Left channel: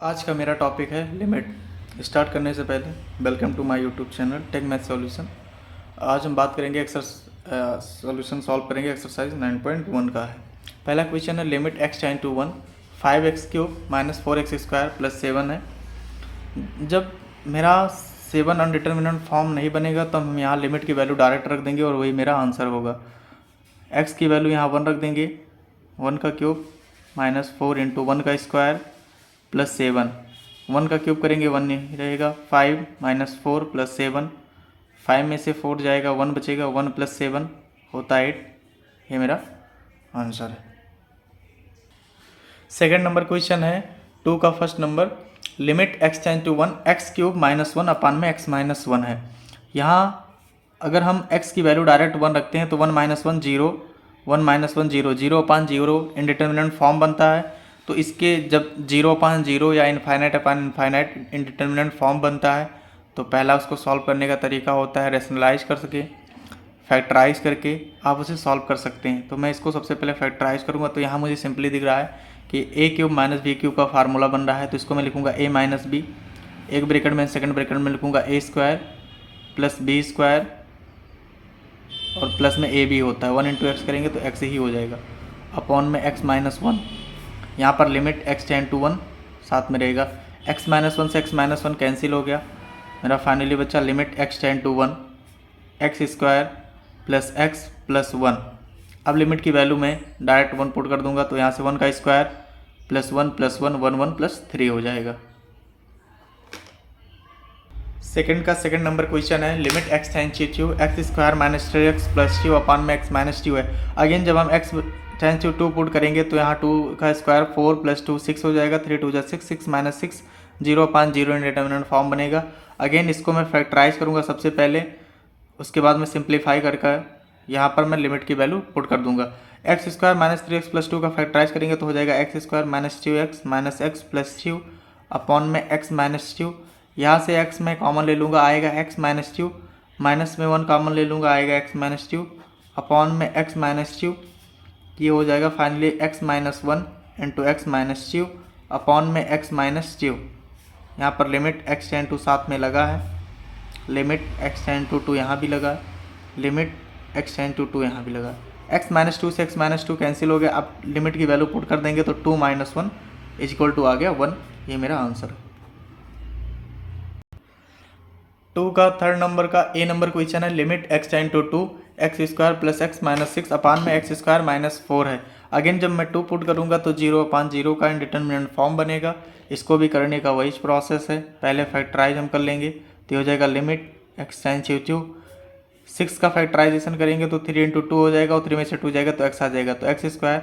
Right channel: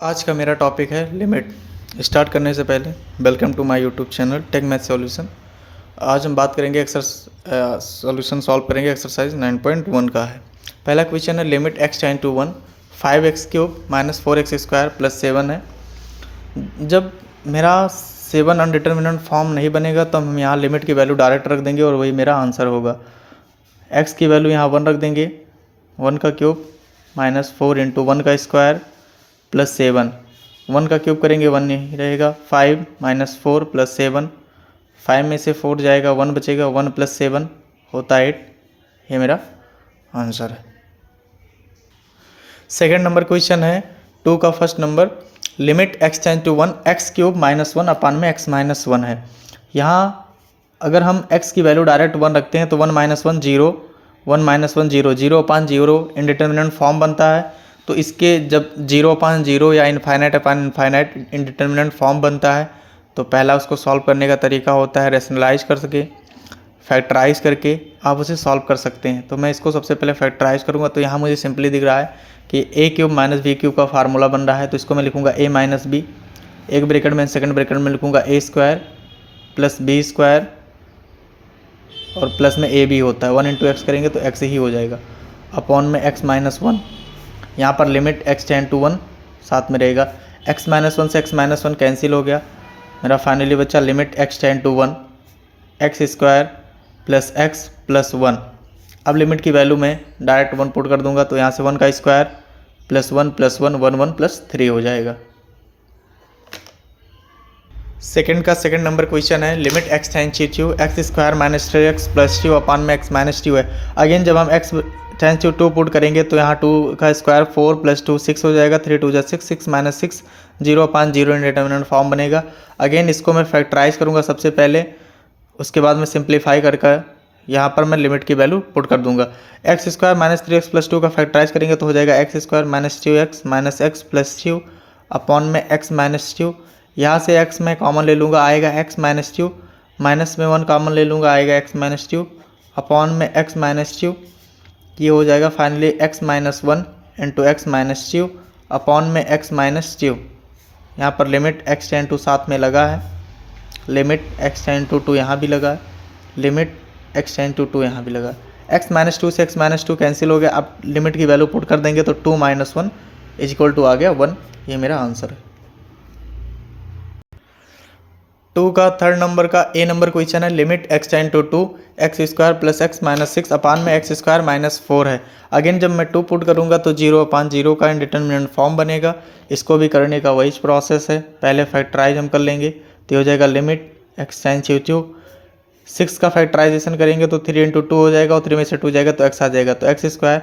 आज का मेरा टॉपिक है लिमिट। स्टार्ट करने से पहले welcome to my YouTube channel tech math solution. आज हम बात करेंगे सॉल्यूशन सॉल्व करेंगे एक्सरसाइज 9.1 का है। पहला क्वेश्चन है limit x tend to 1 5x³ minus 4x² plus 7 है। जब मेरा 7 अनडिटर्मिनेंट फॉर्म नहीं बनेगा तो हम यहाँ लिमिट की वैल्यू डायरेक्ट रख देंगे और वही मेरा आंसर होगा। x की वैल्यू यहाँ 1 रख देंगे, 1³ माइनस 4 इंटू 1 का स्क्वायर प्लस 7, 1 का क्यूब करेंगे 1 नहीं रहेगा, 5 माइनस 4 प्लस 7, 5 में से 4 जाएगा 1 बचेगा, 1 प्लस 7 होता है 8। ये मेरा आंसर है। सेकेंड नंबर क्वेश्चन है 2 का first number limit x tend to 1 x³ minus 1 upon में x माइनस 1 है। यहाँ अगर हम x की वैल्यू डायरेक्ट 1 रखते हैं तो 1 माइनस 1 0, 1 माइनस 1 0, 0 अपान 0 इंडिटर्मिनेंट फॉर्म बनता है। तो इसके जब 0 अपान 0 या इनफाइनाइट अपान इनफाइनाइट इंडिटर्मिनेंट फॉर्म बनता है तो पहला उसको सॉल्व करने का तरीका होता है रेशनलाइज कर सके, फैक्टराइज करके आप उसे सॉल्व कर सकते हैं। तो मैं इसको सबसे पहले फैक्टराइज करूँगा। तो यहाँ मुझे सिंपली दिख रहा है कि a³ माइनस b³ का फार्मूला बन रहा है। तो इसको मैं लिखूँगा a माइनस बी, एक ब्रैकेट में सेकंड ब्रैकेट में लिखूँगा a² प्लस b² और प्लस में a b होता है, 1 इंटू एक्स करेंगे तो x ही हो जाएगा, अपॉन में x माइनस 1। यहाँ पर लिमिट x टेंड टू 1 साथ में रहेगा, x माइनस 1 से x माइनस 1 कैंसिल हो गया, मेरा फाइनली बचा limit x tend to 1 x² plus x plus 1। अब लिमिट की वैल्यू में डायरेक्ट 1 पुट कर दूंगा तो यहाँ से 1 का स्क्वायर प्लस 1 प्लस 1 1 1 प्लस 3 हो जाएगा। सेकंड नंबर क्वेश्चन है limit x tend to x² minus 3x plus 2 upon में x माइनस 2 है। अगेन जब हम x टेंड टू 2 पुट करेंगे तो यहाँ 2 का स्क्वायर 4 प्लस 2 6 हो जाएगा, 3 2 जा 6, 6 माइनस 6 0 अपान 0 इंडिटर्मिनेंट फॉर्म बनेगा। अगेन इसको मैं फैक्टराइज करूँगा सबसे पहले, उसके बाद मैं सिंप्लीफाई करके यहाँ पर मैं लिमिट की वैल्यू पुट कर दूंगा। x² माइनस 3x प्लस 2 का फैक्टराइज करेंगे तो हो जाएगा x² minus 2x minus x plus 2 upon में x माइनस 2। यहाँ से x मैं कॉमन ले लूँगा, आएगा x माइनस 2, माइनस में 1 कॉमन ले लूँगा, आएगा x माइनस 2 अपॉन में x माइनस 2। ये हो जाएगा finally x minus 1 into x minus 2 upon में x माइनस 2। यहाँ पर लिमिट x टेंड टू साथ में लगा है, लिमिट x टेंड टू 2 यहाँ भी लगा, लिमिट x टेंड टू 2 यहाँ भी लगा। x माइनस 2 से x माइनस 2 कैंसिल हो गया। अब लिमिट की वैल्यू पुट कर देंगे तो 2 माइनस 1 इज इक्वल टू आ गया 1। ये मेरा आंसर है। 2 का थर्ड नंबर का ए नंबर क्वेश्चन है limit x tend to 2 x² plus x minus 6 upon में x² माइनस 4 है। अगेन जब मैं 2 पुट करूँगा तो 0 अपान 0 का इंडिटर्मिनेंट फॉर्म बनेगा। इसको भी करने का वही प्रोसेस है, पहले फैक्टराइज हम कर लेंगे तो हो जाएगा लिमिट x टेंड टू 6 का फैक्टराइजेशन करेंगे तो 3 इंटू 2 हो जाएगा और 3 में से 2 जाएगा तो x आ जाएगा। तो x²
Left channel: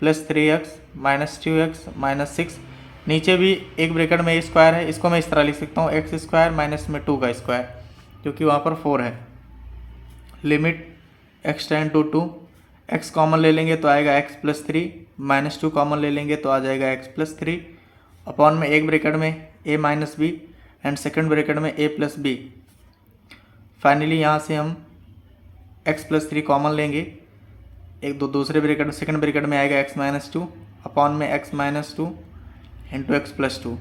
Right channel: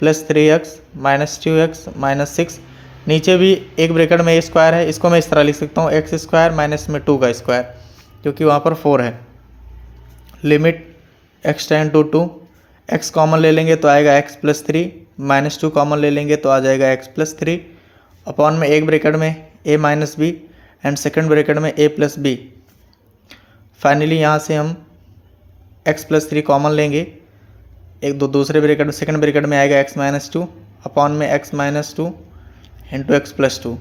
plus 3x minus 2x minus 6, नीचे भी एक ब्रैकेट में स्क्वायर है, इसको मैं इस तरह लिख सकता हूँ x² माइनस में 2 का स्क्वायर, क्योंकि वहाँ पर 4 है। Limit x tend to 2, x common ले लेंगे तो आएगा x प्लस 3, माइनस 2 कॉमन ले लेंगे तो आ जाएगा x प्लस 3 अपॉन में एक ब्रैकेट में a minus B and second bracket में a प्लस बी। फाइनली यहाँ से हम x प्लस 3 कॉमन लेंगे, एक दूसरे ब्रैकेट में सेकेंड ब्रैकेट में आएगा x माइनस 2 अपॉन में x minus 2 into x plus 2।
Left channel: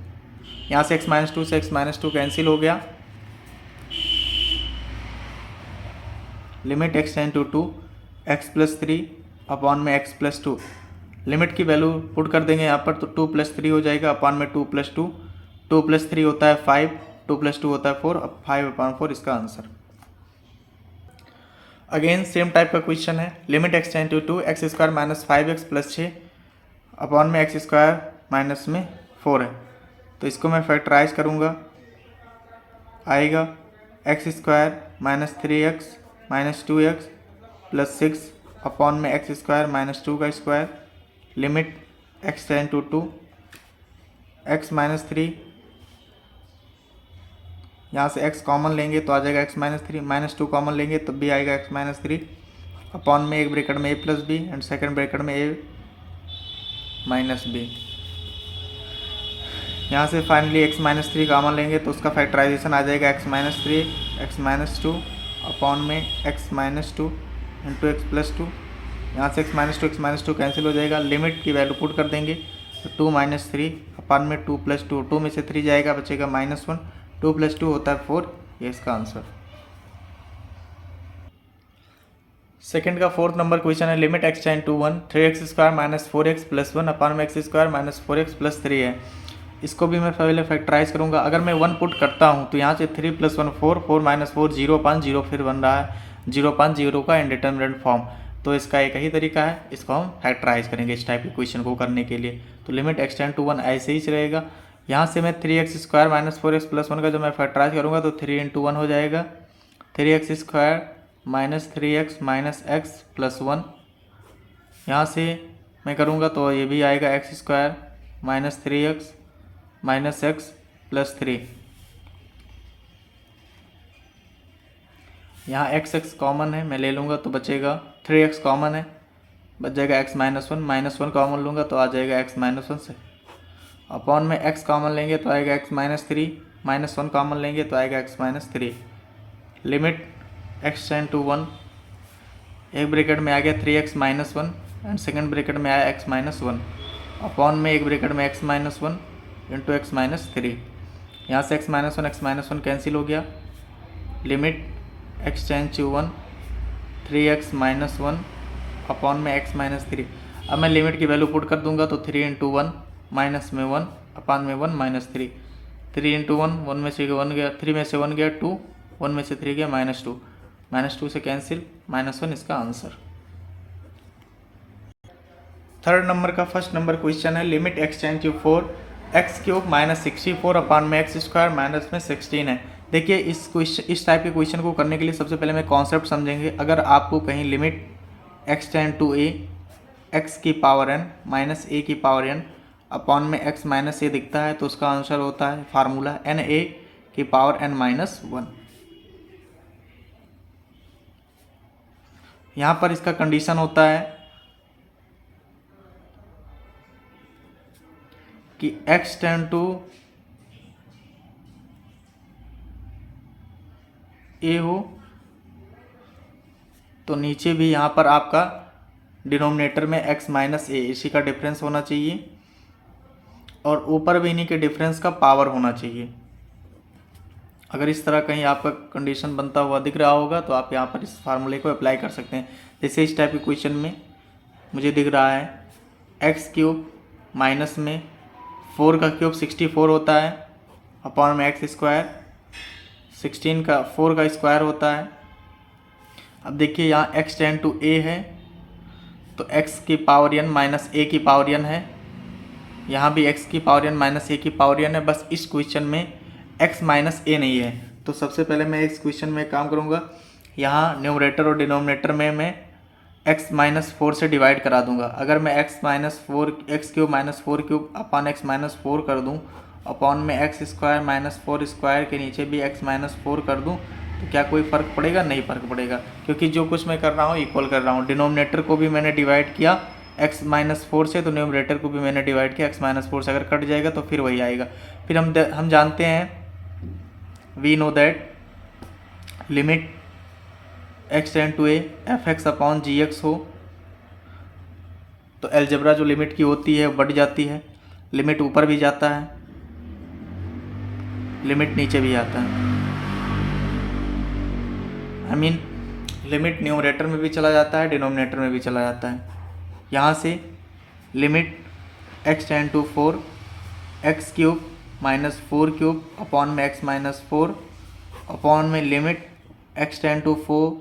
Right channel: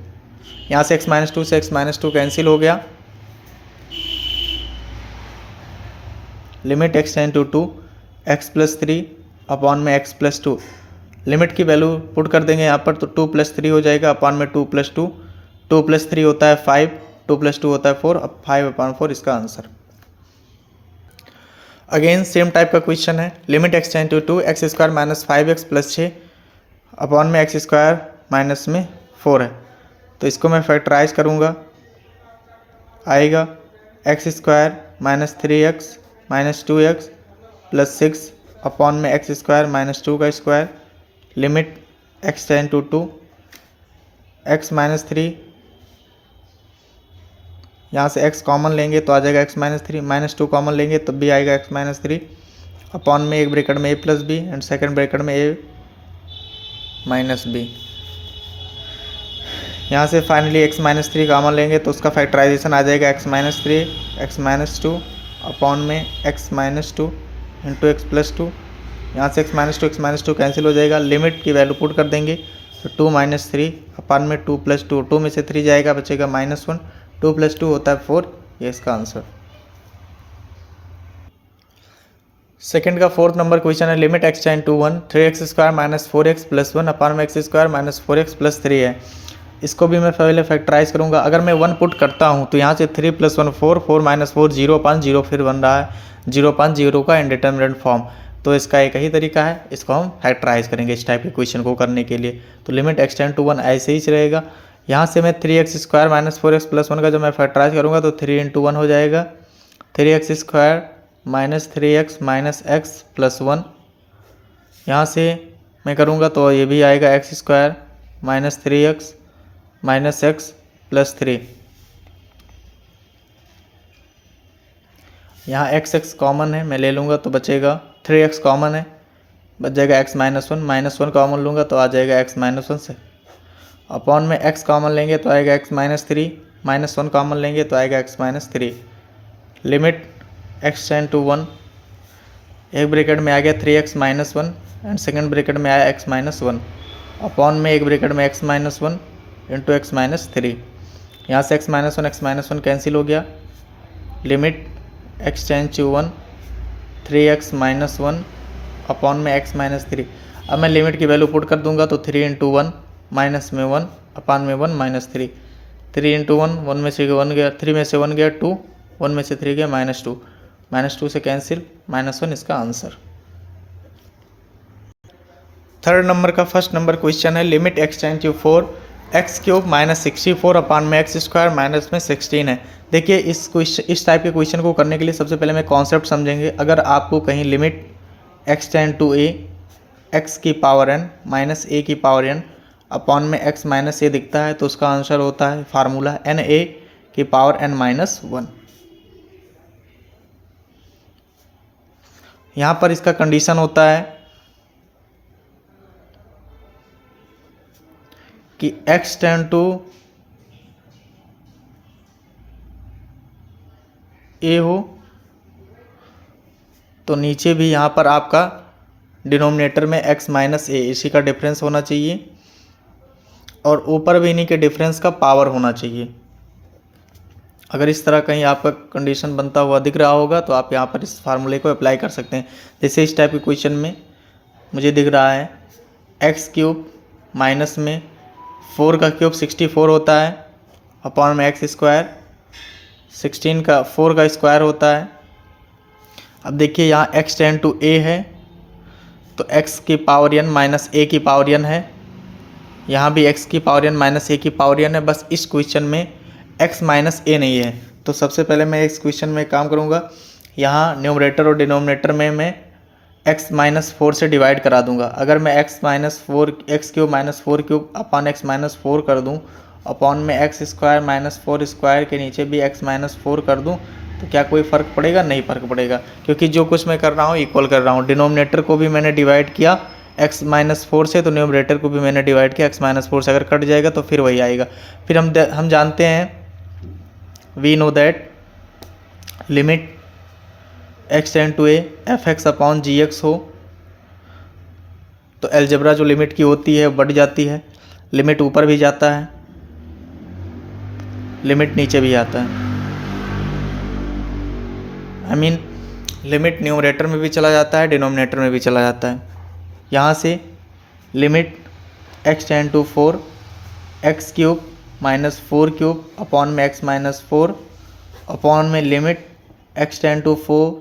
यहाँ से x माइनस 2 से x माइनस 2 कैंसिल हो गया। Limit x tend to 2 x plus 3 upon में x प्लस 2। लिमिट की वैल्यू पुट कर देंगे यहाँ पर तो 2 प्लस 3 हो जाएगा अपॉन में 2 प्लस 2, 2 प्लस 3 होता है 5, 2 प्लस 2 होता है 4, अब 5 अपॉन 4 इसका आंसर। अगेन सेम टाइप का क्वेश्चन है limit x tend to 2 x² minus 5x plus 6 upon में x² माइनस में 4 है। तो इसको मैं फैक्टराइज करूँगा, आएगा x² minus 3x minus 2x plus 6 upon में x² माइनस 2 का square. Limit x tend to 2 x minus 3, यहाँ से x कॉमन लेंगे तो आ जाएगा x माइनस 3, माइनस 2 कॉमन लेंगे तो b आएगा x माइनस 3 अपॉन में एक ब्रैकेट में a plus B and second bracket में a माइनस बी। यहाँ से फाइनली x माइनस 3 कॉमन लेंगे तो उसका फैक्टराइजेशन आ जाएगा x minus 3 x minus 2 upon में x minus 2 into x plus 2। यहाँ से x माइनस 2 कैंसिल हो जाएगा। लिमिट की वैल्यू पुट कर देंगे तो 2 माइनस 3 अपान में 2 प्लस 2, 2 में से 3 जाएगा, बचेगा -1, 2 प्लस 2 होता है 4, ये इसका आंसर। सेकंड का फोर्थ नंबर क्वेश्चन है limit x tend to 1 3x² minus 4x plus 1 upon में x² माइनस 4x प्लस 3 है। इसको भी मैं पहले फैक्टराइज करूंगा। अगर मैं 1 पुट करता हूं तो यहाँ से 3 प्लस 1 4, 4 माइनस 4 0 अपान 0 फिर बन रहा है 0 अपान 0 का इनडिटरमिनेट फॉर्म। तो इसका एक ही तरीका है, इसको हम फैक्टराइज करेंगे इस टाइप के क्वेश्चन को करने के लिए। तो लिमिट x टेंड टू 1 ऐसे ही रहेगा। यहाँ से मैं 3x² माइनस 4x प्लस 1 का जब मैं फैक्टराइज करूँगा तो 3 × 1 हो जाएगा, 3x² minus 3x minus x plus 1। यहाँ से मैं करूँगा तो ये भी आएगा x² minus 3x minus x plus 3। यहाँ x कॉमन है, मैं ले लूँगा तो बचेगा 3x कॉमन है, बच जाएगा x माइनस 1 कॉमन लूँगा तो आ जाएगा x -1 से। अपॉन में x कॉमन लेंगे तो आएगा x -3, -1 कॉमन लेंगे तो आएगा x -3। Limit x tend to 1, एक ब्रैकेट में आ गया 3x minus 1 and second bracket में आया x -1 अपॉन में एक ब्रैकेट में x -1 इंटू x -3। यहाँ से x -1 कैंसिल हो गया। Limit x tend to 1 3x minus 1 upon में x -3। अब मैं लिमिट की वैल्यू पुट कर दूंगा तो 3 × 1 माइनस में 1 अपान में 1 -3। 3 × 1, 1 में से 1 गया, 3 में से 1 गया 2, 1 में से 3 गया -2, -2 से कैंसिल, -1 इसका आंसर। थर्ड नंबर का फर्स्ट नंबर क्वेश्चन है limit x tend to 4 x³ minus 64 upon में x² माइनस में 16 है। देखिए इस टाइप के क्वेश्चन को करने के लिए सबसे पहले मैं कॉन्सेप्ट समझेंगे। अगर आपको कहीं limit x tend to a x की पावर n माइनस a की पावर n अपॉन में x माइनस a दिखता है तो उसका आंसर होता है फार्मूला na की पावर n माइनस 1। यहाँ पर इसका कंडीशन होता है कि x टेंड टू a हो तो नीचे भी यहाँ पर आपका डिनोमिनेटर में x माइनस a इसी का डिफरेंस होना चाहिए और ऊपर भी इन्हीं के डिफरेंस का पावर होना चाहिए। अगर इस तरह कहीं आपका कंडीशन बनता हुआ दिख रहा होगा तो आप यहाँ पर इस फार्मूले को अप्लाई कर सकते हैं। जैसे इस टाइप के क्वेश्चन में मुझे दिख रहा है x³ माइनस में 4 का क्यूब 64 होता है अपॉन में x², 16 का 4 का स्क्वायर होता है। अब देखिए यहाँ x टेंड टू a है तो x की पावर n माइनस a की पावर n है, यहाँ भी x की पावर n माइनस a की पावर n है। बस इस क्वेश्चन में x माइनस a नहीं है। तो सबसे पहले मैं इस क्वेश्चन में काम करूँगा, यहाँ न्यूमरेटर और डिनोमिनेटर में मैं x माइनस 4 से डिवाइड करा दूंगा। अगर मैं x minus 4 x³ minus 4³ upon x minus 4 कर दूं अपॉन में x² माइनस 4 स्क्वायर के नीचे भी x माइनस 4 कर दूं तो क्या कोई फ़र्क पड़ेगा? नहीं फ़र्क पड़ेगा, क्योंकि जो कुछ मैं कर रहा हूँ इक्वल कर रहा हूँ। डिनोमिनेटर को भी मैंने डिवाइड किया x माइनस 4 से तो न्यूमरेटर को भी मैंने डिवाइड किया x माइनस 4 से। अगर कट जाएगा तो फिर वही आएगा। फिर हम जानते हैं we know that limit x tend to a f(x) upon gx हो तो अलजेब्रा जो लिमिट की होती है बढ़ जाती है, लिमिट ऊपर भी जाता है, लिमिट नीचे भी आता है। लिमिट न्यूमरेटर में भी चला जाता है, डिनोमिनेटर में भी चला जाता है। यहाँ से limit x tend to 4 x³ minus 4³ upon में x माइनस 4 अपॉन में limit x tend to 4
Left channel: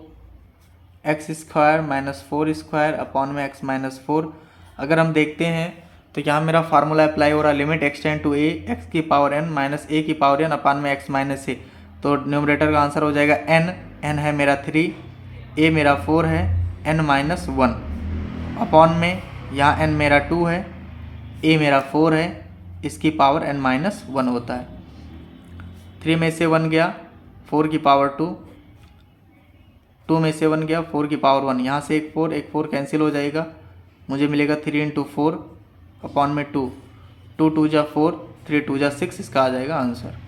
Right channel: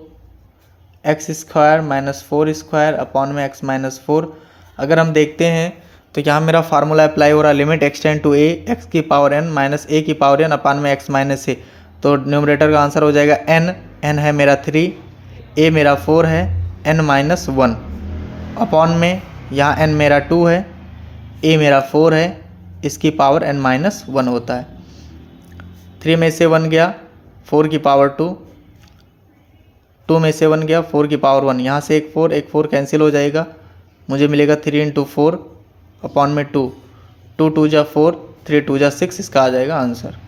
x² minus 4 square upon में x माइनस 4। अगर हम देखते हैं तो यहाँ मेरा फार्मूला अप्लाई हो रहा है limit x tend to a x की पावर n माइनस a की पावर n अपॉन में x माइनस a। तो न्यूमरेटर का आंसर हो जाएगा n है मेरा 3, a मेरा 4 है, n माइनस 1 अपॉन में यहाँ n मेरा 2 है, a मेरा 4 है, इसकी पावर n माइनस 1 होता है। 3 में से 1 गया 4 की पावर 2, 2 में से 1 गया 4 की पावर 1, यहाँ से एक 4 कैंसिल हो जाएगा, मुझे मिलेगा 3 × 4 अपॉन में 2, 2 2 जा 4, 3 2 जा 6, इसका आ जाएगा आंसर।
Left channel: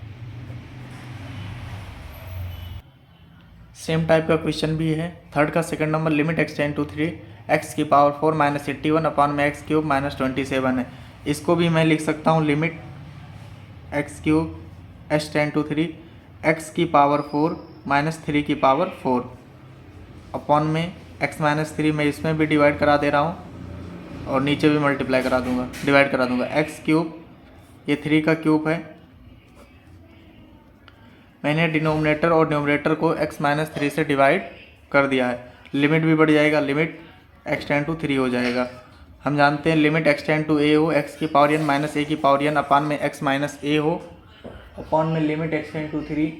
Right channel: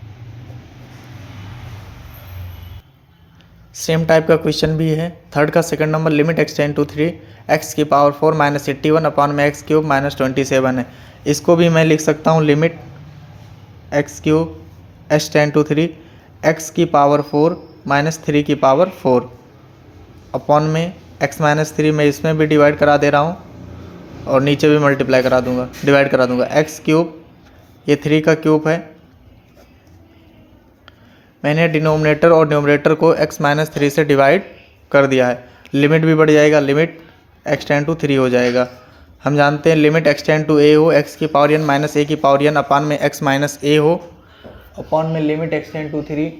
सेम टाइप का क्वेश्चन भी है थर्ड का second number limit x tend to 3 x की पावर 4 माइनस 81 अपॉन में x³ माइनस 27 है। इसको भी मैं लिख सकता हूँ limit x cube H tend to 3 x की पावर 4 माइनस 3 की पावर 4 अपॉन में एक्स माइनस 3 मैं इसमें भी डिवाइड करा दे रहा हूँ और नीचे भी मल्टीप्लाई करा दूंगा, डिवाइड करा दूंगा। एक्स क्यूब, ये 3 का क्यूब है, मैंने डिनोमिनेटर और न्यूमरेटर को x माइनस 3 से डिवाइड कर दिया है। लिमिट भी बढ़ जाएगा, लिमिट x टेन टू 3 हो जाएगा। हम जानते हैं limit x ten to a हो x की पावर n माइनस a की पावर n अपान में x माइनस a हो, अपान में limit x ten to 3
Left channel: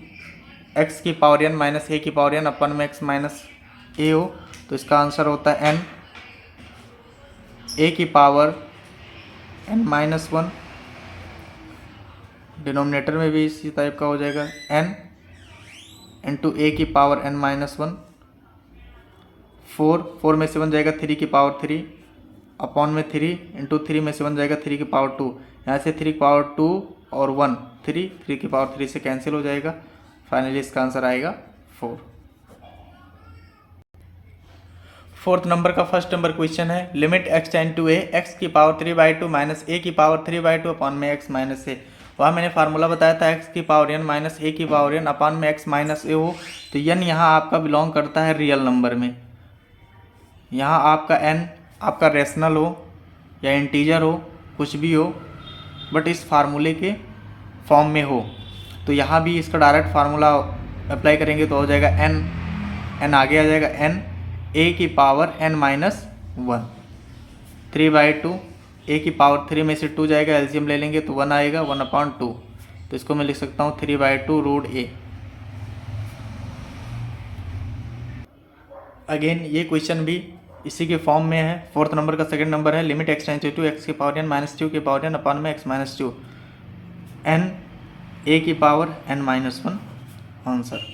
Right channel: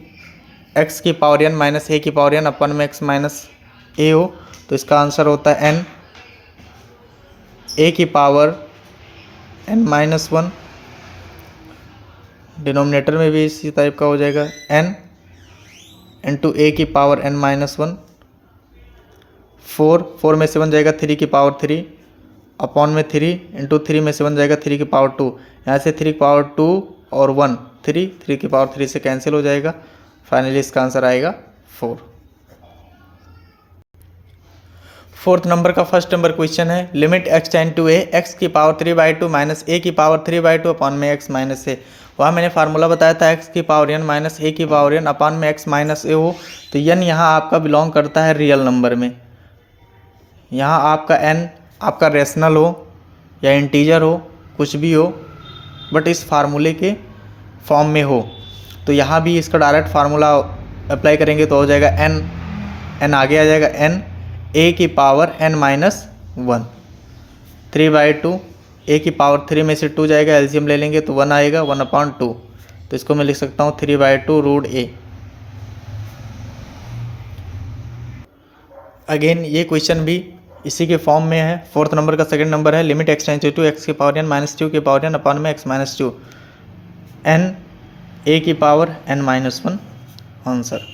x की पावर n माइनस a की पावर n अपान में x माइनस a हो। तो इसका आंसर होता है n a की पावर n माइनस 1, डिनोमिनेटर में भी इसी टाइप का हो जाएगा n इंटू a की पावर n माइनस 1, 4 में से 1 जाएगा 3 की पावर 3 अपॉन में 3 इंटू 3 में से 1 जाएगा 3 की पावर 2, यहाँ से 3 की पावर 2 और 1 3 की पावर 3 से कैंसिल हो जाएगा। फाइनली इसका आंसर आएगा 4। फोर्थ नंबर का फर्स्ट नंबर क्वेश्चन है limit x ten to a x की पावर 3/2 माइनस a की पावर 3/2 अपान में x माइनस a। वहाँ मैंने फार्मूला बताया था x की पावर n माइनस a की पावर n अपान में x माइनस a हो। तो n यहाँ आपका बिलोंग करता है रियल नंबर में। यहाँ आपका n आपका रेशनल हो या इंटीजर हो, कुछ भी हो, बट इस फार्मूले के फॉर्म में हो। तो यहाँ भी इसका डायरेक्ट फार्मूला अप्लाई करेंगे तो हो जाएगा n आगे आ जाएगा n a की पावर n माइनस 1 3/2, a की पावर 3 में से 2 जाएगा, एलसीएम ले लेंगे तो 1 आएगा, 1/2। तो इसको मैं लिख सकता हूँ 3/2 रूट a। अगेन ये क्वेश्चन भी इसी के फॉर्म में है। फोर्थ नंबर का सेकंड नंबर है limit x ten to x की पावर n माइनस 2 की पावर n अपान में x माइनस 2 n a की power n minus 1 answer.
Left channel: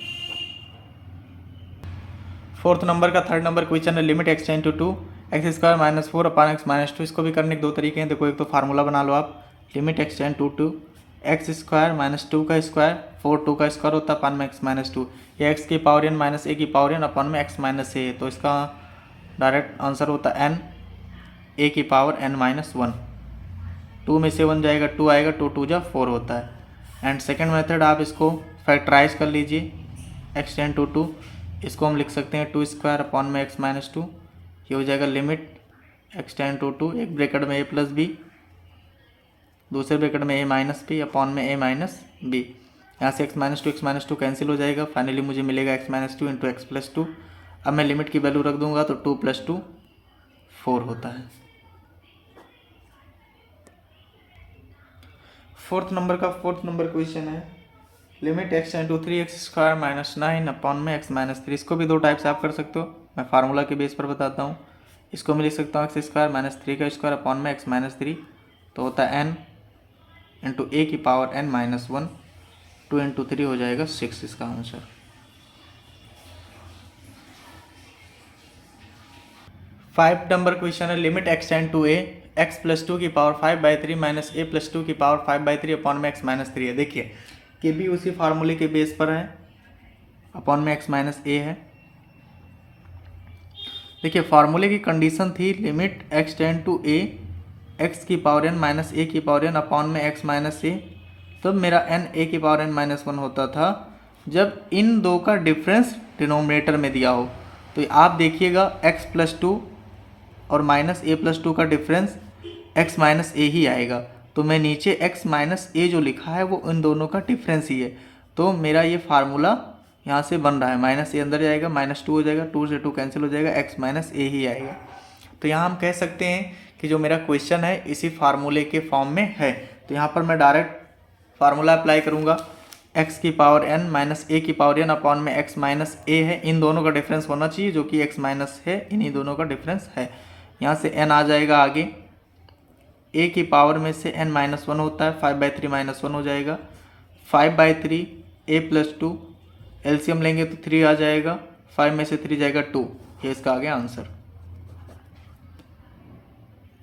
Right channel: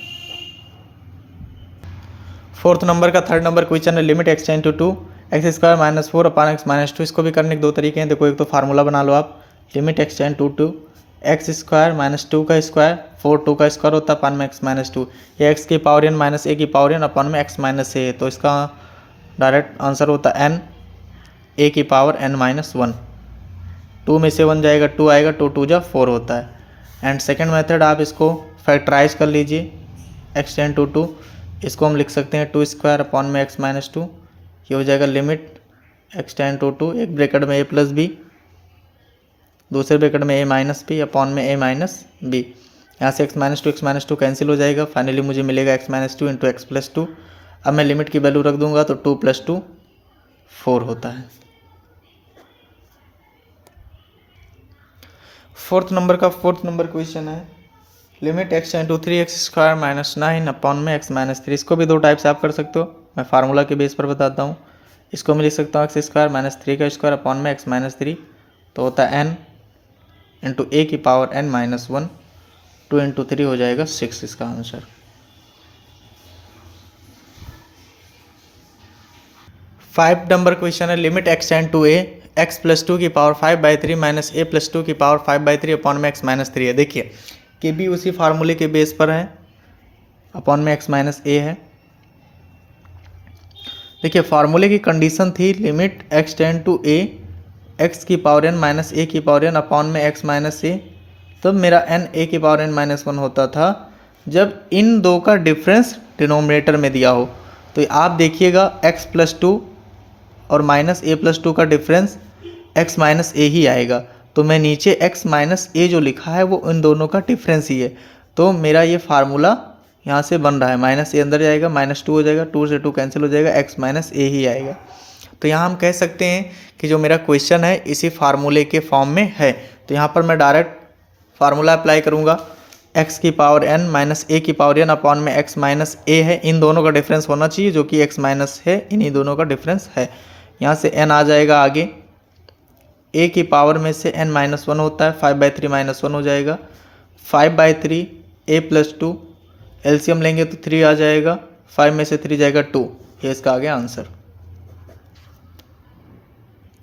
Fourth number का थर्ड नंबर क्वेश्चन है limit x ten to 2 x square minus 4 upon x minus 2। इसको भी करने के दो तरीके हैं। देखो, एक तो फार्मूला बना लो आप, limit x ten to 2 x square minus 2 का स्क्वायर 4 2 का स्क्वायर होता है अपान में x माइनस 2। ये x की पावर n माइनस a की पावर n अपान में x माइनस a है। तो इसका डायरेक्ट आंसर होता है n a की पावर n माइनस 1। 2 में से 1 जाएगा 2 आएगा, 2 2 जा 4 होता है। एंड सेकेंड मेथड आप इसको फैक्टराइज कर लीजिए x टेन टू 2, इसको हम लिख सकते हैं 2 स्क्वायर अपॉन में x माइनस 2। ये हो जाएगा लिमिट x टेन टू 2, एक ब्रैकेट में a प्लस बी, दूसरे ब्रैकेट में a माइनस बी अपॉन में a माइनस बी। यहाँ से x माइनस 2 कैंसिल हो जाएगा। फाइनली मुझे मिलेगा x minus 2 into x plus 2। अब मैं लिमिट की वैल्यू रख दूंगा तो 2 + 2 4 होता है। फोर्थ नंबर क्वेश्चन है limit x ten to 3 x square minus 9 upon में x माइनस 3। इसको भी दो टाइप से आप कर सकते हो, मैं फार्मूला के बेस पर बताता हूँ। इसको मैं लिख सकता हूँ x स्क्वायर माइनस 3 का स्क्वायर अपॉन में x माइनस 3, तो होता है n इंटू a की पावर n माइनस 1, 2 इंटू 3 हो जाएगा 6 इसका आंसर। फाइव नंबर क्वेश्चन है limit x ten to a x plus 2 की पावर 5/3 माइनस a प्लस 2 की पावर 5/3 अपॉन में x माइनस 3 है। देखिए कि भी उसी फार्मूले के बेस पर है, अपॉन में x माइनस a है। देखिए फार्मूले की कंडीशन थी limit x ten to a x की पावर n माइनस a की पावर n अपॉन में x माइनस a। तब मेरा n a की पावर n माइनस 1 होता था जब इन दो का डिफरेंस डिनोमिनेटर में दिया हो। तो आप देखिएगा x प्लस 2 और माइनस a प्लस 2 का डिफरेंस x माइनस a ही आएगा। तो मैं नीचे x माइनस a जो लिखा है वो इन दोनों का डिफरेंस ही है। तो मेरा ये फार्मूला यहाँ से बन रहा है, माइनस a अंदर जाएगा, माइनस 2 हो जाएगा, 2 से 2 कैंसिल हो जाएगा, x माइनस a ही आएगा। तो यहाँ हम कह सकते हैं कि जो मेरा क्वेश्चन है इसी फार्मूले के फॉर्म में है। तो यहाँ पर मैं डायरेक्ट फार्मूला अप्लाई करूँगा, x की पावर n माइनस a की पावर n अपॉन में x माइनस a है। इन दोनों का डिफरेंस होना चाहिए जो कि x माइनस है, इन्हीं दोनों का डिफरेंस है। यहाँ से n आ जाएगा आगे, a की पावर में से n माइनस 1 होता है, 5/3 माइनस 1 हो जाएगा, 5/3 a प्लस 2, एलसीएम लेंगे तो 3 आ जाएगा, 5 में से 3 जाएगा 2। ये इसका आ गया आंसर।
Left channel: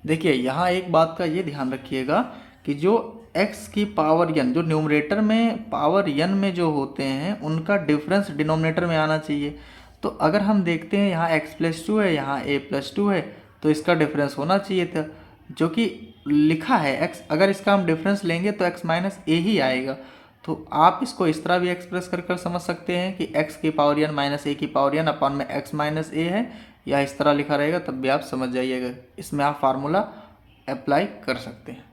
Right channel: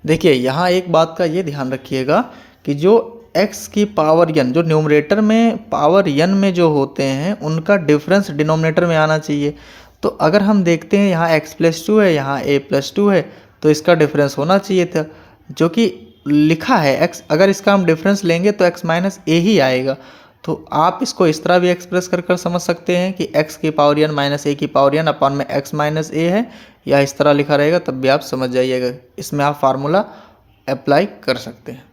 देखिए यहाँ एक बात का ये ध्यान रखिएगा कि जो x की पावर n, जो न्यूमरेटर में पावर n में जो होते हैं उनका डिफरेंस डिनोमिनेटर में आना चाहिए। तो अगर हम देखते हैं यहाँ x प्लस 2 है, यहाँ a प्लस 2 है, तो इसका डिफरेंस होना चाहिए था, जो कि लिखा है x, अगर इसका हम डिफरेंस लेंगे तो x माइनस ए ही आएगा। तो आप इसको इस तरह भी एक्सप्रेस कर समझ सकते हैं कि x की पावर n माइनस ए की पावर n अपॉन में x माइनस ए है, या इस तरह लिखा रहेगा, तब भी आप समझ जाइएगा। इसमें आप फार्मूला अप्लाई कर सकते हैं।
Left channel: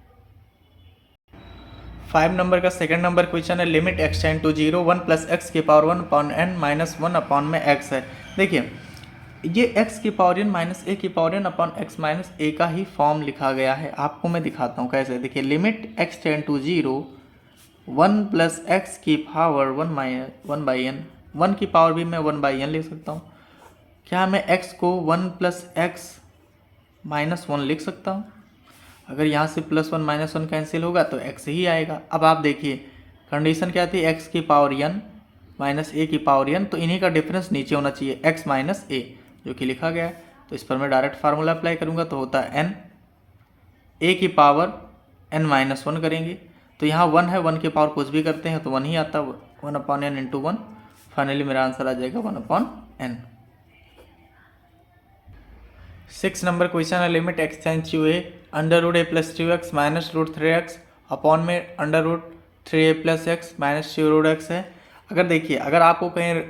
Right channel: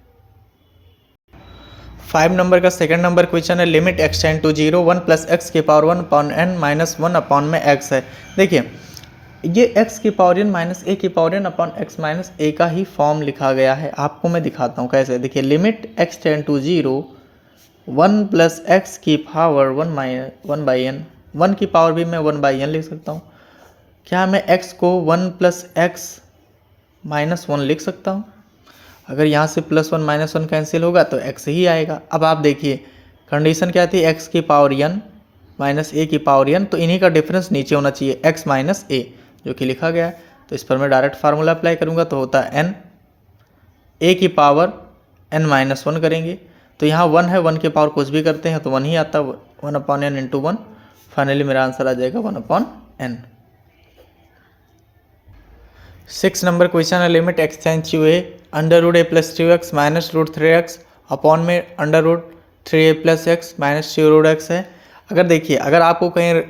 5 नंबर का सेकंड नंबर क्वेश्चन है, limit x tend to 0 1 plus x की power 1 upon n minus 1 upon में x है। देखिए ये x की पावर n माइनस ए की power n upon x minus a का ही फॉर्म लिखा गया है। आपको मैं दिखाता हूँ कैसे। देखिए limit x tend to 0 1 plus x की पावर 1 बाई एन, 1 की पावर भी मैं 1 बाई एन लिख सकता हूँ। क्या मैं x को 1 प्लस एक्स माइनस 1 लिख सकता हूँ? अगर यहाँ से प्लस 1 माइनस 1 कैंसिल होगा तो x ही आएगा। अब आप देखिए कंडीशन क्या थी, x की पावर n माइनस ए की पावर n, तो इन्हीं का डिफरेंस नीचे होना चाहिए x माइनस ए, जो कि लिखा गया है। तो इस पर मैं डायरेक्ट फार्मूला अप्लाई करूँगा तो होता है n, a की पावर n माइनस 1 करेंगे तो यहाँ 1 है, 1 की पावर कुछ भी करते हैं तो 1 ही आता है, 1 अपॉन एन इंटू 1। फाइनली मेरा आंसर आ जाएगा 1 अपॉन एन। 6 नंबर क्वेश्चन है, limit x tends to a under root a plus 2x minus root 3x upon में under root 3a plus x minus 2 root x है। अगर देखिए अगर आपको कहीं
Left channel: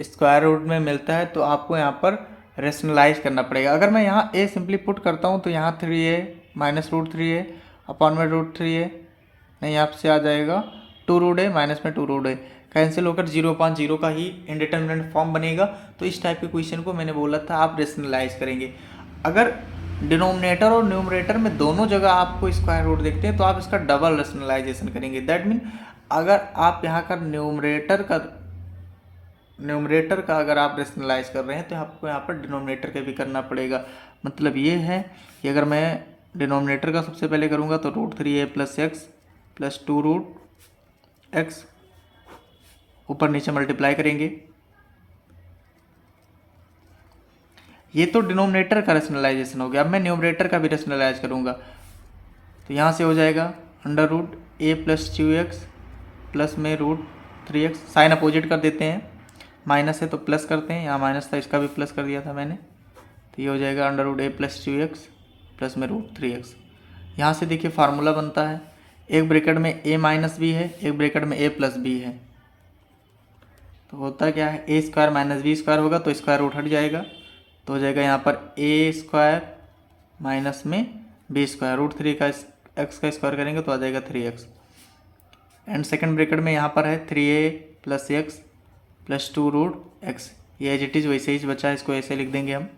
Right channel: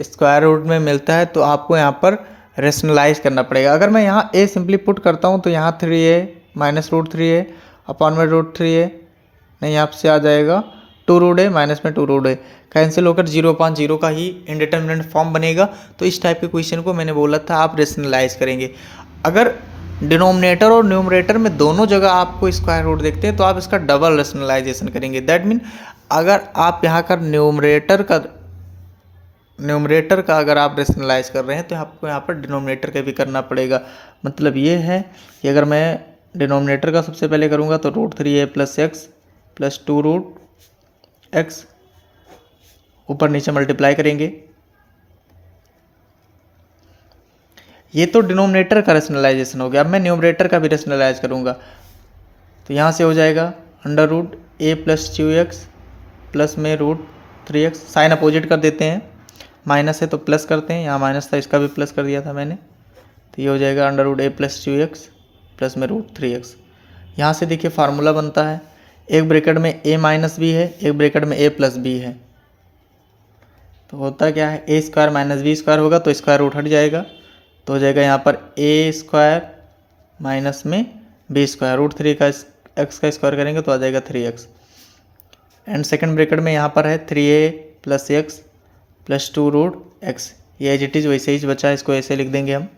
स्क्वायर रूट में मिलता है तो आपको यहाँ पर रेशनलाइज करना पड़ेगा। अगर मैं यहाँ a सिंपली पुट करता हूँ तो यहाँ 3a minus root 3a upon में रूट 3a, नहीं आपसे आ जाएगा 2 रूट ए माइनस में 2 रूट ए, कैंसिल होकर 0/0 का ही इंडिटरमिनेंट फॉर्म बनेगा। तो इस टाइप के क्वेश्चन को मैंने बोला था आप रेशनलाइज करेंगे। अगर डिनोमिनेटर और न्यूमरेटर में दोनों जगह आपको स्क्वायर रूट देखते हैं तो आप इसका डबल रेशनलाइजेशन करेंगे। दैट मीन अगर आप यहाँ का न्यूमरेटर का अगर आप रेशनलाइज कर रहे हैं तो आपको यहाँ पर डिनोमिनेटर का भी करना पड़ेगा। मतलब ये है कि अगर मैं डिनोमिनेटर का सबसे पहले करूँगा तो root 3a plus x plus 2 root x, ऊपर नीचे मल्टीप्लाई करेंगे। ये तो डिनोमिनेटर का रेशनलाइजेशन हो गया। अब मैं न्यूमरेटर का भी रेशनलाइज करूँगा तो यहाँ से हो जाएगा under root a plus 2x plus में रूट 3x, साइन अपोजिट कर देते हैं, माइनस है तो प्लस करते हैं, यहाँ माइनस था इसका भी प्लस कर दिया था मैंने, तो ये हो जाएगा under root a plus 2x plus में रूट 3x। यहाँ से देखिए फार्मूला बनता है, एक ब्रैकेट में a माइनस बी है, एक ब्रैकेट में a प्लस बी है, तो होता क्या है a square minus B square होगा तो स्क्वायर रूट हट जाएगा, तो हो जाएगा यहाँ पर a स्क्वायर माइनस में b स्क्वायर, रूट 3 का x का स्क्वायर करेंगे तो आ जाएगा 3x। एंड सेकंड ब्रैकेट में यहाँ पर है 3a plus x plus 2 root x, ये एज इट इज़ वैसे ही बचा है, इसको ऐसे लिख देंगे हम।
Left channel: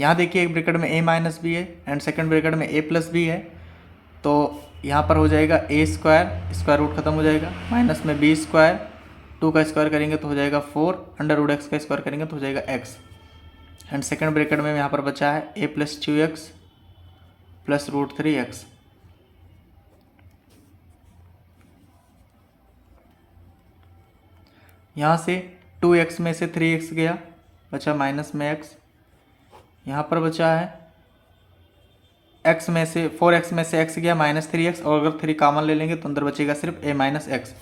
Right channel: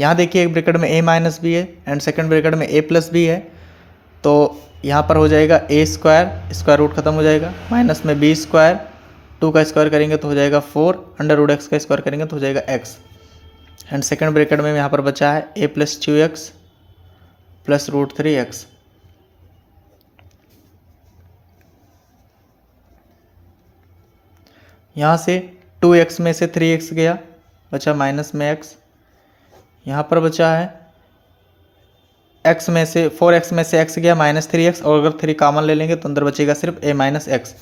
यहाँ देखिए एक ब्रैकेट में a माइनस बी है एंड सेकंड ब्रैकेट में a प्लस बी है, तो यहाँ पर हो जाएगा a स्क्वायर, स्क्वायर रूट खत्म हो जाएगा, माइनस में b स्क्वायर, 2 का स्क्वायर करेंगे तो हो जाएगा 4, अंडर रूट एक्स का स्क्वायर करेंगे तो हो जाएगा x। एंड सेकंड ब्रैकेट में यहाँ पर बचा है a plus 2x plus root 3x। यहाँ से 2x में से 3x गया, बचा माइनस में x, यहाँ पर बचा है x में से 4x में से x गया माइनस 3x, और अगर 3 कॉमन ले लेंगे तो अंदर बचेगा सिर्फ a minus x.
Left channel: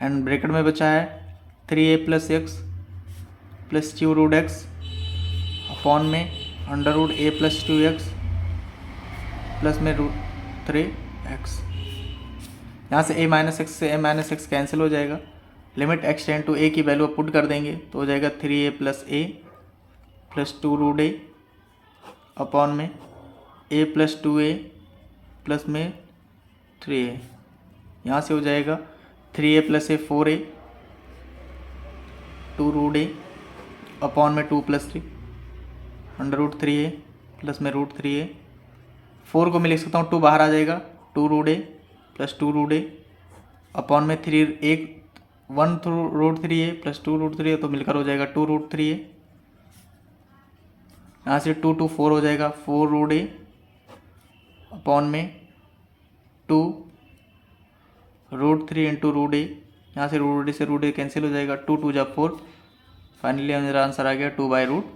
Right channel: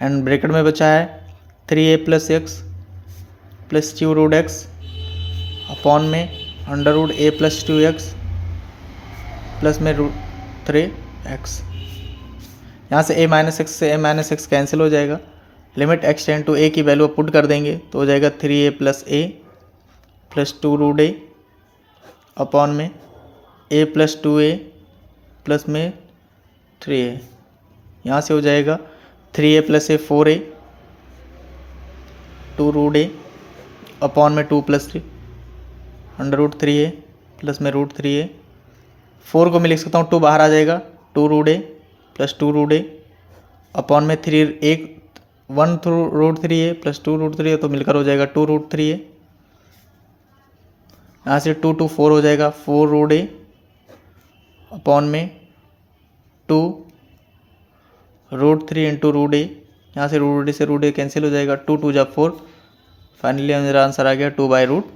And bracket में बचा है 3a plus x plus 2 root x upon में under root a plus 2x plus में रूट 3x। यहाँ से a माइनस एक्स से a माइनस एक्स कैंसिल हो जाएगा, limit x tend to a की वैल्यू पुट कर देंगे तो हो जाएगा 3a plus 2 root a upon में a प्लस 2a प्लस में 3a। यहाँ से हो जाएगा 3a plus a 4a 2 root a upon में 2 plus 3 under root 3a plus में रूट 3a। 4 को मैं लिख सकता हूँ 2 बाहर आ जाएगा, 2 root a plus 2 root a upon में 3 1 root 3a plus 2 root 3a, तो मिलकर हो जाएगा 2 रूट 3a। यहाँ से 2 2 4 हो जाएगा 4 रूट a अपॉन में 2 रूट 3 इंटू रूट a। यहाँ से रूट a से रूट a कैंसिल हो जाएगा, 2 2 जा 4, फाइनली मेरा आंसर आ गया 2 बाई रूट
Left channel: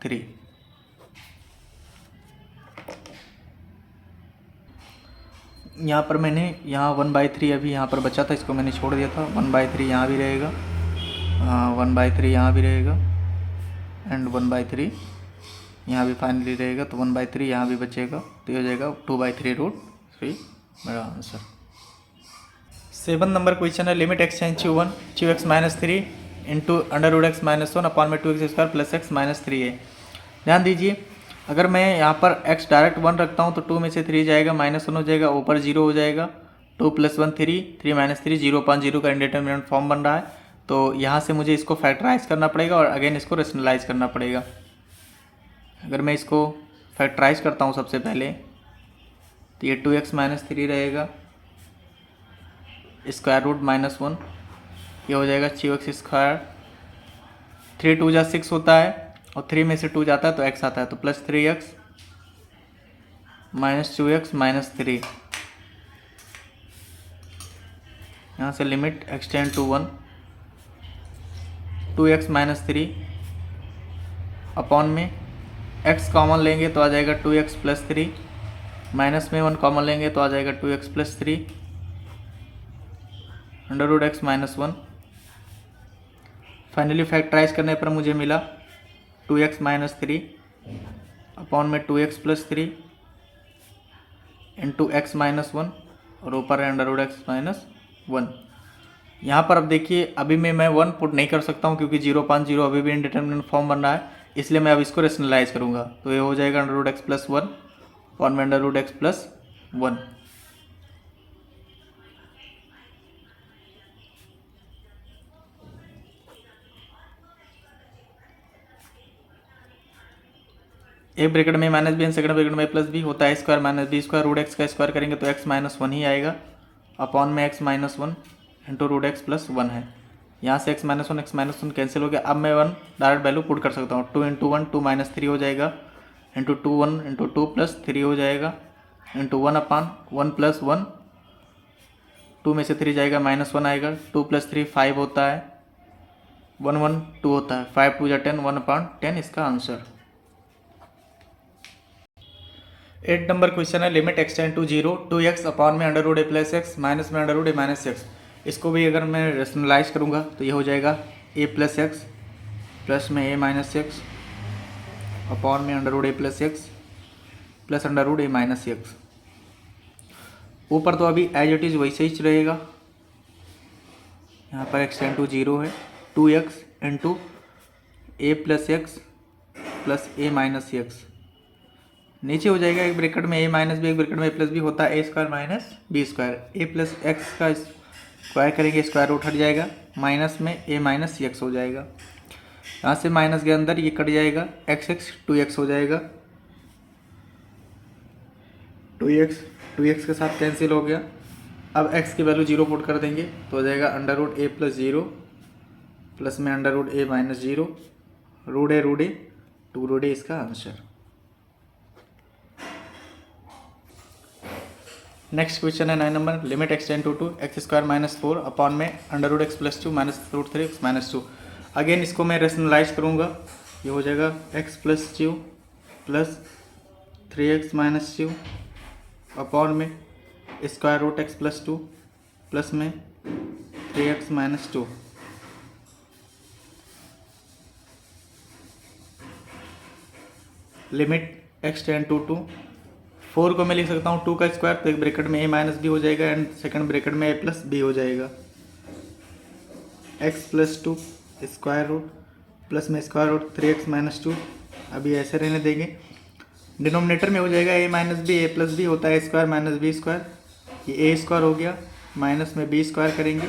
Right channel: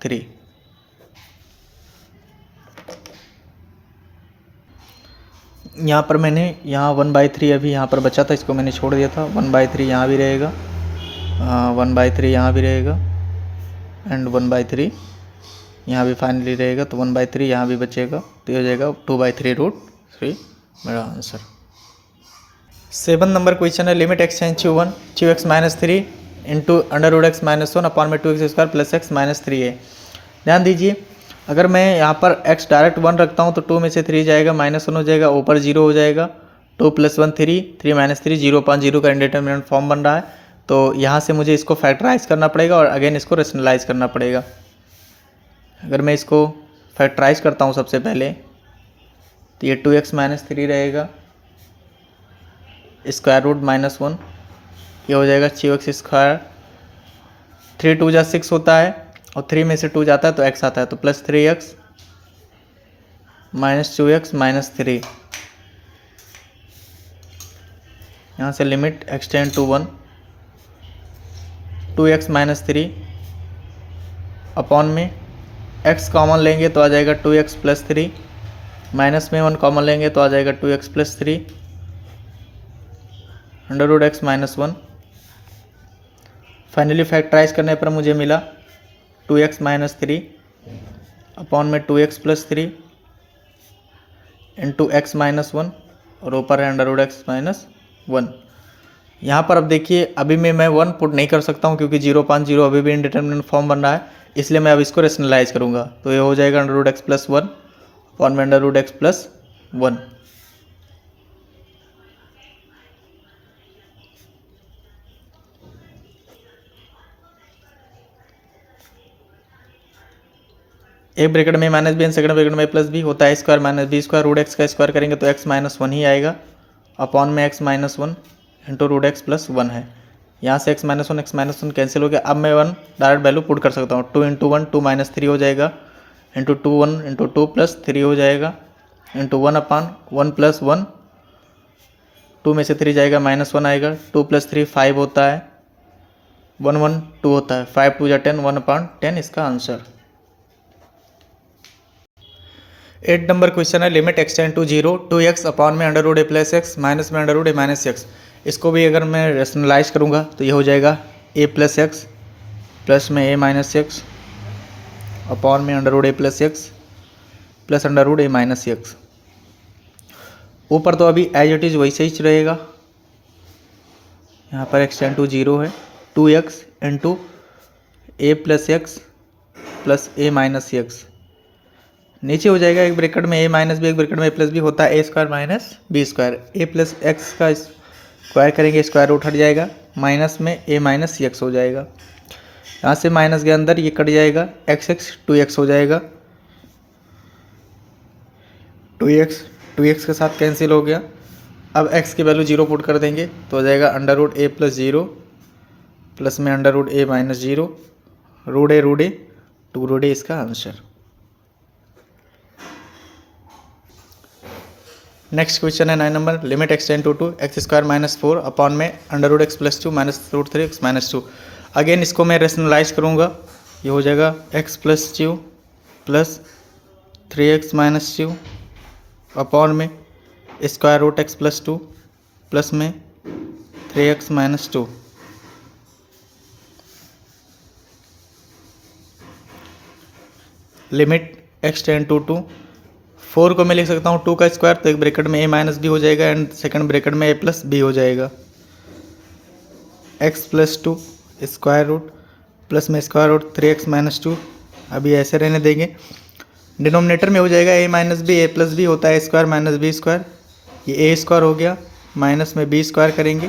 3। यहाँ पर मैंने यहाँ 1/3 अभी यहाँ पर बचा था, इसको मैंने छोड़ दिया था, 1/3 यहाँ भी रहेगा, 1/3 यहाँ भी रहेगा एंड 1/3 यहाँ भी फाइनली रहेगा, तो 1/3 यहाँ भी बचेगा, तो ये हो जाएगा 2/3 रूट 3। 3 मेरा आंसर। 7 नंबर क्वेश्चन है limit x tends to 1 2x minus 3 into under root x minus 1 upon में 2x square plus x minus 3 है। ध्यान दीजिए, अगर मैं यहाँ पर x डायरेक्ट 1 रखता हूँ तो 2 में से 3 जाएगा, माइनस 1 हो जाएगा, ऊपर 0 हो जाएगा, 2 + 1 3 3 माइनस 3 0 अपॉन 0 का इंडिटरमिनेंट फॉर्म बन रहा है। तो यहाँ से मुझे इसको फैक्टराइज करना पड़ेगा और अगेन इसको रेशनलाइज करना पड़ेगा। अगर मैं इसको फैक्टराइज करता हूँ सबसे पहले तो ये 2x माइनस 3 रहेगा, स्क्वायर रूट माइनस 1, ये हो जाएगा 6x स्क्वायर, 3 2 जा 6 होता है और 3 में से 2 जाता है तो x आता है, तो plus 3x minus 2x minus 3। यहाँ से limit x tend to 1 2x minus 3 upon में x कॉमन लेंगे तो आ जाएगा 2x प्लस 3, माइनस में 1 कॉमन लेंगे तो आ जाएगा 2x plus 3 under root x minus 1। Finally factorise करने पर मुझे मिला 2x माइनस 3 अपॉन में 2x plus 3 into x minus 1 और ऊपर है अंडर रूट एक्स माइनस 1। यहाँ पर अब देखिए, अभी मैं 1 पुट नहीं कर सकता हूँ क्योंकि 0.0 अभी भी इंडिटरमिनेंट फॉर्म बन रहा है, इसलिए मैं अब इसको रेशनलाइज करूँगा। तो ये हो जाएगा under root x plus 1 upon में अंडर रूट एक्स प्लस 1। एक ब्रैकेट में minus B and second bracket में प्लस बी होता है square minus B square, root x का स्क्वायर करेंगे तो एक्स माइनस 1 ही आएगा, अपॉन में x minus 1 into root x plus 1 है। यहाँ से एक्स माइनस 1 कैंसिल हो गया। अब मैं 1 डायरेक्ट वैल्यू पुट कर सकता हूँ, 2 इंटू 1 2 माइनस 3 हो जाएगा, इंटू 2 1 इंटू 2 प्लस 3 हो जाएगा, इंटू 1 अपॉन 1 प्लस 1, 2 में से 3 जाएगा, माइनस 1 आएगा, 2 प्लस 3 5 होता है, 1 1 2 होता है, 5 2 जा 10 1 अपॉन 10 इसका आंसर। 8 नंबर क्वेश्चन है limit x tend to 0 2x upon में under root a plus x minus में under root a minus x. इसको भी अगर मैं रेशनलाइज करूँगा तो ये हो जाएगा ए प्लस एक्स प्लस में ए माइनस एक्स अपॉन में under root a plus x plus under root a minus x. ऊपर तो अभी एज इट इज़ वैसे ही रहेगा, यहाँ पर एक्स टेंड टू 0 है, 2x इंटू ए प्लस एक्स प्लस ए माइनस एक्स। नीचे हो जाएगा एक ब्रैकेट में ए माइनस बी, एक ब्रैकेट में ए प्लस बी होता है ए स्क्वायर माइनस बी स्क्वायर, ए प्लस एक्स का स्क्वायर करेंगे स्क्वायर रूट हट जाएगा, माइनस में ए माइनस एक्स हो जाएगा। यहाँ से माइनस के अंदर ये कट जाएगा, एक्स एक्स 2x हो जाएगा, 2x के साथ कैंसिल हो गया। अब x की वैल्यू 0 पुट कर देंगे तो हो जाएगा under root a plus 0 plus में under root a minus 0 root a 2 root a इसका आंसर। नेक्स्ट क्वेश्चन है 9 नंबर limit x tend to 2 x square minus 4 upon में under root x plus 2 minus root 3 x minus 2। Again इसको मैं rationalise करूँगा, ये हो जाएगा x plus 2 plus 3x minus 2 upon में square root x plus 2 plus में 3x minus 2। Limit x tend to 2, 4 को मैं लिख सकता हूँ 2 का स्क्वायर, तो एक ब्रैकेट में a माइनस बी हो जाएगा एंड सेकंड ब्रैकेट में a प्लस बी हो जाएगा, x plus 2 square root plus में स्क्वायर रूट 3x माइनस 2। अभी ऐसे रहने देंगे, डिनोमिनेटर में हो जाएगा a minus b, a plus b होता है स्क्वायर माइनस बी स्क्वायर, ये a स्क्वायर हो गया, माइनस में b स्क्वायर करेंगे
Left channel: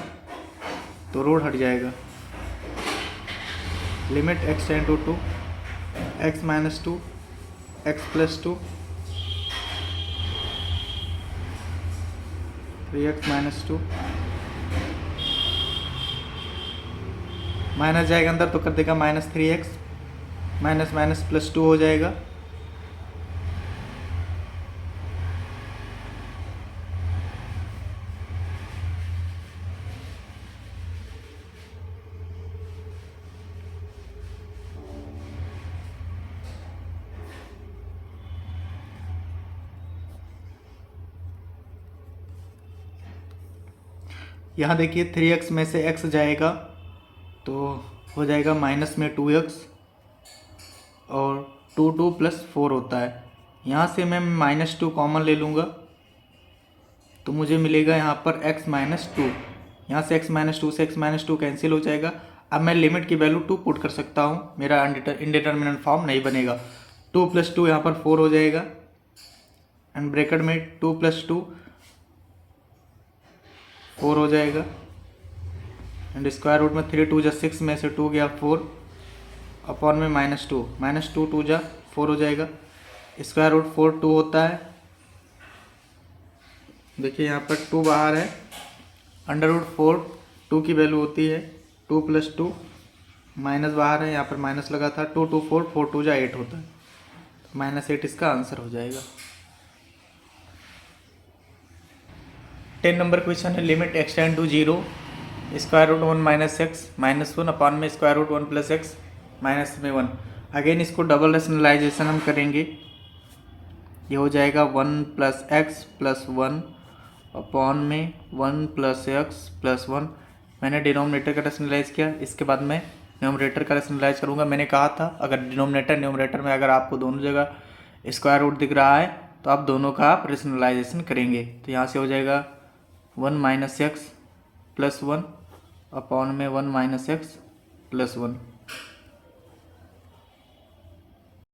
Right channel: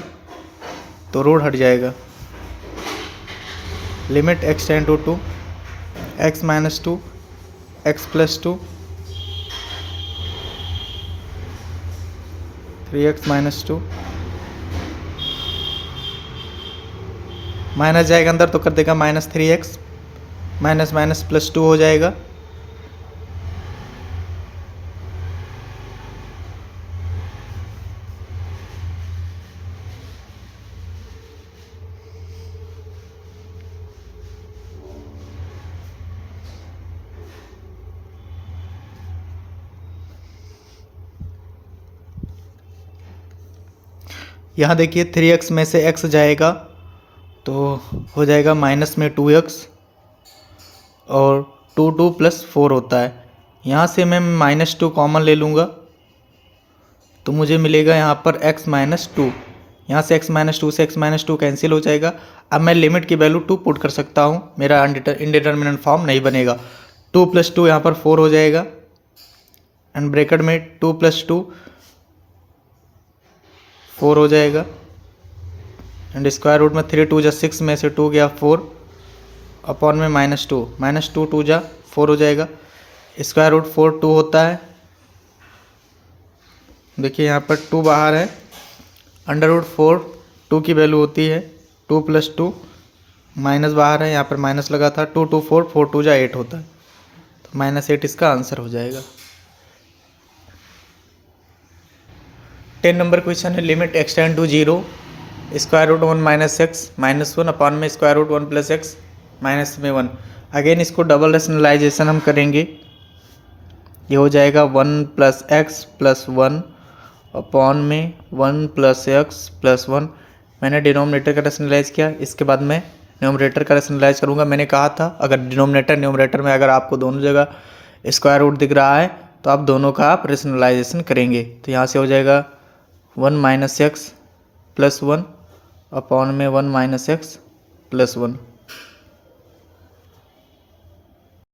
तो रूट हट जाएगा। Limit x tend to 2 x minus 2 x plus 2 3x minus 2, minus जाएगा अंदर तो कर देगा minus 3x, minus minus plus 2 हो जाएगा। यहाँ देखिए 3x में से x जाएगा तो हो जाएगा माइनस में 2x और 2 2 प्लस 4 होता है। यहाँ से मैं -2 कॉमन ले लूँगा तो मुझे मिलेगा यहाँ पर x माइनस टू। यहाँ से x माइनस टू से x माइनस टू कैंसिल हो जाएगा। अब मैं लिमिट की वैल्यू 2 पुट कर सकता हूँ, मेरा इनडिटर्मिनेंट फॉर्म नहीं बनेगा। 2 प्लस 2 यहाँ पर 4 हो जाएगा एंड ब्रैकेट में 2 प्लस 2 4 हो जाएगा एंड स्क्वायर रूट में 3 2 जा 6 में से 2 गया 4 अपॉन में माइनस टू 2 जा 4 हो जाएगा। स्क्वायर रूट 4 2 होता है। देखिए यहाँ पर 2 बाहर है, अंडर रूट 4 2 की वैल्यू होती है 2 प्लस 2, माइनस बाहर है, यहाँ पर माइनस लगा था, 2 2 4 4 2 जा 8 होता है, तो -8 इसका आंसर हो जाएगा। 10 नंबर क्वेश्चन है limit x tend to 0 square root 1 minus x minus 1 upon में square root 1 plus x minus में 1। अगेन इसको डबल रेशनलाइजेशन हम करेंगे, ये हो जाएगा 1 प्लस एक्स प्लस 1 अपॉन में 1 प्लस एक्स प्लस 1। मैंने डिनोमिनेटर का रेशनलाइज किया, इसके बाद मैं न्यूमरेटर का रेशनलाइज करूँगा। मैंने कहा था अगर डिनोमिनेटर न्यूमरेटर में अगर आपको दोनों जगह स्क्वायर रूट दिख रहा है तो आप दोनों का आप रेशनलाइजेशन करेंगे। तो यहाँ से हो जाएगा 1 माइनस एक्स प्लस 1 अपॉन में 1 माइनस एक्स प्लस 1।